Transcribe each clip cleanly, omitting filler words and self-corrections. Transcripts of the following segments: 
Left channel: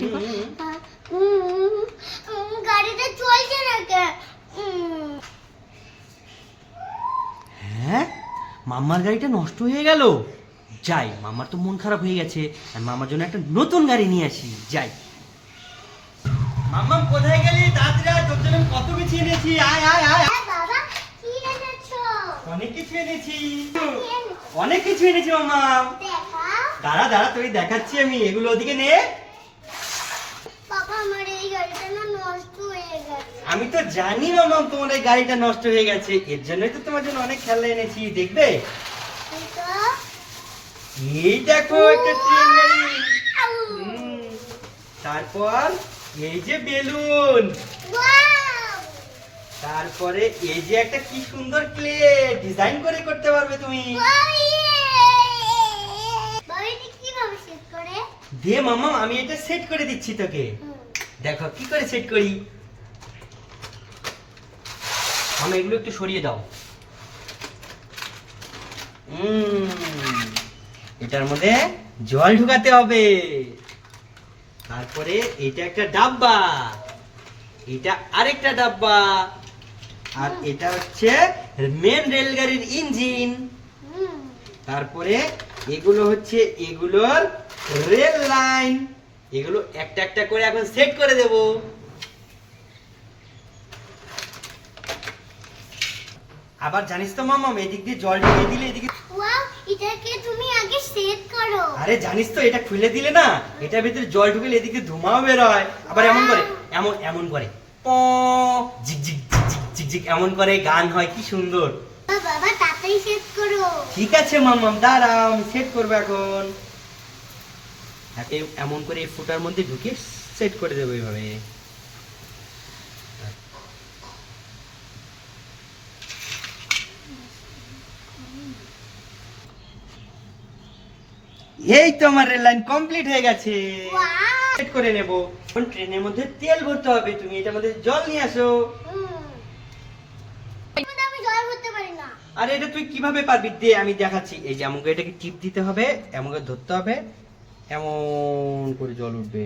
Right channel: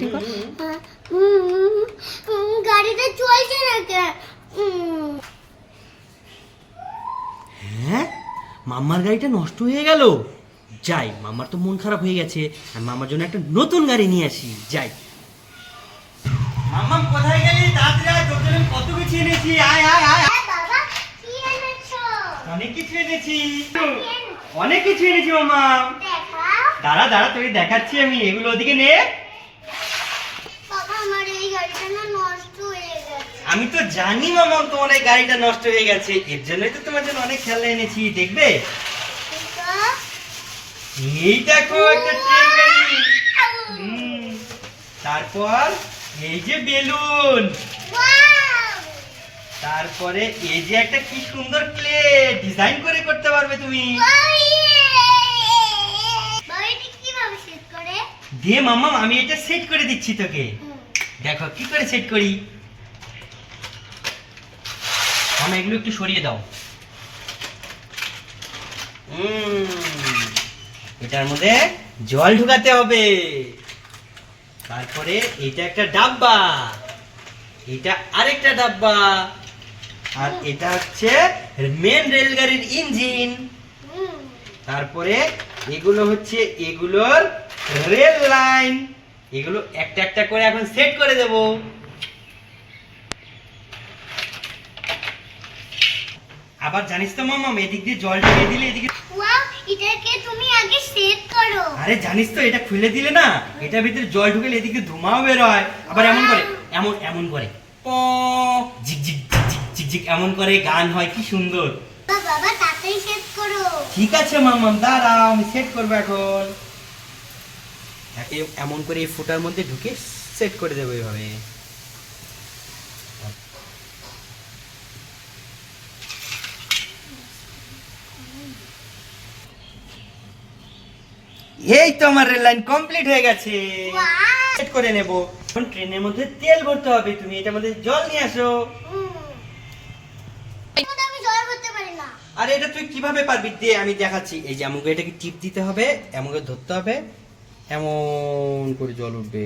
Acting কর। গাড়িটা চলছে না কেন? হ্যাঁ, মাম্মার গাড়িটা নষ্ট হয়ে গেল। যাই, মাম্মার তো মন খারাপ হয়ে গেছে, আমি মাম্মার জন্য একটা নতুন গাড়ি নিয়ে আসি। যাই। মাম্মাম কোথায় গেলি? তাড়াতাড়ি আয়, তোর জন্য আমি কত কিছু এনেছি। আয় আয় আয়। হ্যাঁ বাবা, কি এনেছো? অনেক কিছু এনেছি, অনেক কিছু এনেছি মাম্মাম। দেখাও। দাঁড়া দাঁড়া, তোকে দেখাচ্ছি আমি। এগুলো ওদিকে নে। বাবা, আমার এই গাড়িটা না নষ্ট হয়ে গেছে। আমি তো জানি মাম্মাম তোমার এই গাড়িটা নষ্ট হয়ে গেছে, এর জন্যই তো তোমার জন্য অনেক খেলনা এনেছি। দেখবে? এটা এই দেখো একটা ট্রেন গাড়ি। তারপর এই যে বেলুন, ওয়াও! তারপরে এই যে একটা কি সুন্দর ক্লে, ডিজাইন করে করতে পারবে তুমি। বাড়িটা কিভাবে সেট করে? দে মাম্মা, আমি এটা সেট করে দিচ্ছি তোকে। দেখো কি করে সেট করি। মামা এগুলো একটু সরিয়ে দাও। এটার মধ্যে জল ঢুকাতে হবে। তারপরে এটা একটা ডাব্বা, এটা আরেকটা ডাব্বা, আর এটা হচ্ছে মেন রেলগাড়ির ইঞ্জিন। তারপরে এগুলো হচ্ছে এগুলোর রেল লাইন। এগুলো একটা একটা করে এখন সেট করে দেব। আবার জানিস তো মামা, এদিক দিয়ে জল ঢেলে দিলে এদিকে। ওয়াও, এটাকে তুমি আগে সেট করো। আরে জানিস তো, এটা খুলে দিলে না, এটার ভিতরে জল ঢুকলে এদিকে ধোঁয়াও বের হয়। আবার এমন করে, এমন এমন করে প ঝিক ঝিক ঝিক ঝিক ঝিক ঝিক এমন করে গান হয়, কি সুন্দর। বাবা, তাড়াতাড়ি সেট করো। ঠিক আছে মাম্মাম, দাঁড়াও, আমি সেট করবো এখন। একে এমন করে এই ফুটার মধ্যে ঢুকে সেট করে দেবো এইভাবে। এই তো আমার রেল লাইন কমপ্লিট হয়ে গেছে। ওয়াও! সেট করে নেব। এখন ট্রেনের মধ্যে তেল ভরতে হবে, তুমি এটার মধ্যে জল নিয়ে আসো। কিন্তু আমি জল ভরতে পারি না। আরে এটা তুই কিভাবে পারবি? দে আমি দেখাচ্ছি। এই যে আমাকে এটাকে টিপ দিতে হবে, আমাকে ধরতে হবে, এমন করে জল উঠবে।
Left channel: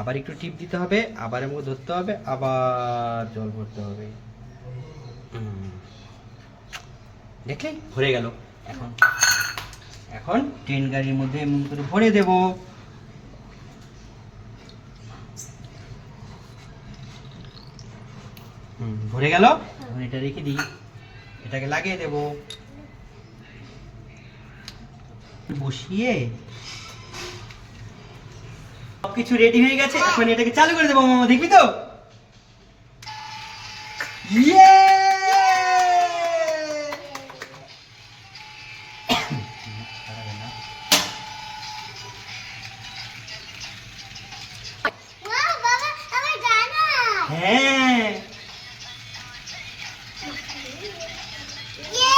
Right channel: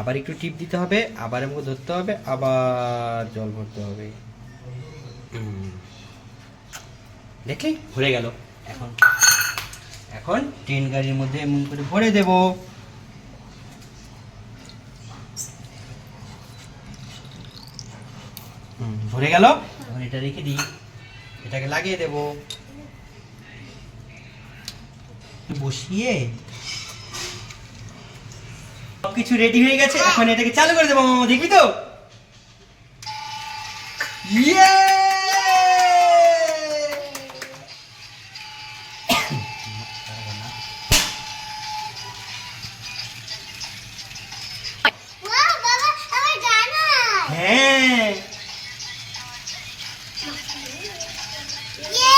আবার একটু টিপ দিতে হবে, আবার আমাকে ধরতে হবে, আবার জল ভরতে হবে। দেখলে ভরে গেল। এখন এখন ট্রেন গাড়ির মধ্যে এমন করে ভরে দেব। ভরে গেল। এখন এটা রেখে দিই, এটাকে লাগিয়ে দেব। বসিয়ে সবকিছু রেডি হয়ে গেছে, এখন এটাকে চালু করে দেবো মামা। দেখবি তো? ইয়ে! ওয়াও বাবা, আমার জানা। হ্যাঁ, ইয়ে!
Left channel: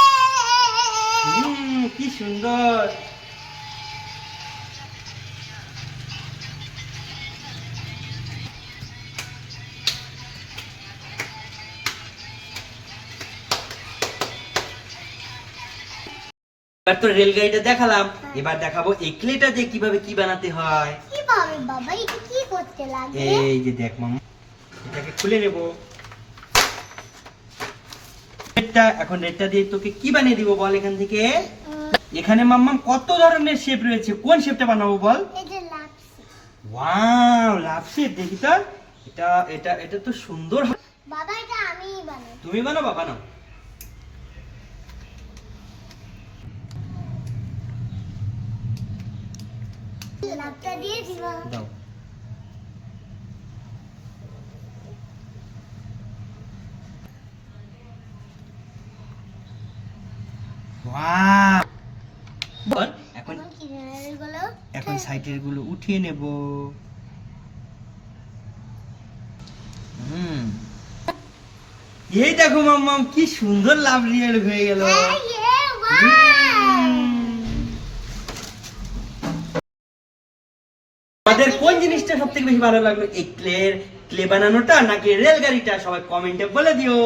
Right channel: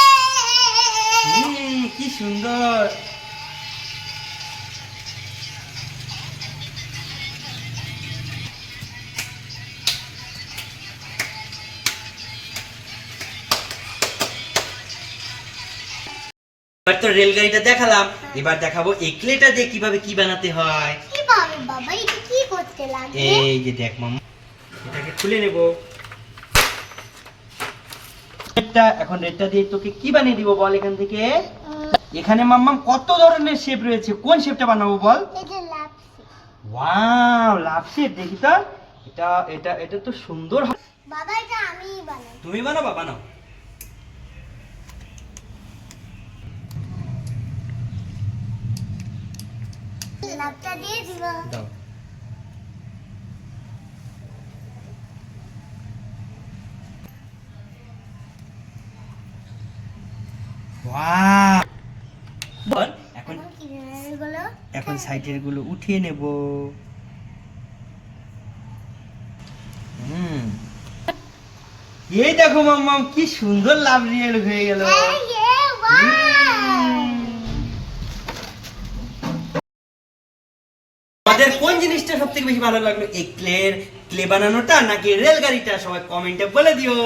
কি সুন্দর। এবার তো রেলগাড়িটা দেখালাম, এবার দেখাবো এই ক্লেটা দিয়ে কিভাবে কি বানাতে হয়। কিভাবে বাবা, এটা কি করতে লাগে? এই যে দেখ মামা, এটাকে খুলে নেব। এখন রেডটা দিয়ে তোকে কি বানিয়ে দিব বল এখান থেকে। এখানে মাম্মাম কত ধরনের শেপ রয়েছে, কোন শেপটা বানাবো বল? এটা লাপসি। Wow, love shape. দেখি তো, এটা এটা এটা তো সুন্দর। বাবা, এটা আমিই বানাই। তুমি বানাবা? বানাও। লাপটা দিয়ে দিব। দাও। ওয়াও, বল এখন এখন কিনারের গুলো এখন সাইডের গুলো উঠিয়ে নেব। এই দেখো মাম্মাম, কি সুন্দর লাভ রিয়েল হয়ে গেল। আমাদের কোন জিনিসটা সব থেকে বেশি ভালো লাগলো, এই ক্লে বানানোটা নাকি রেলগাড়িটা? সবাই কমেন্টে বলে দিও।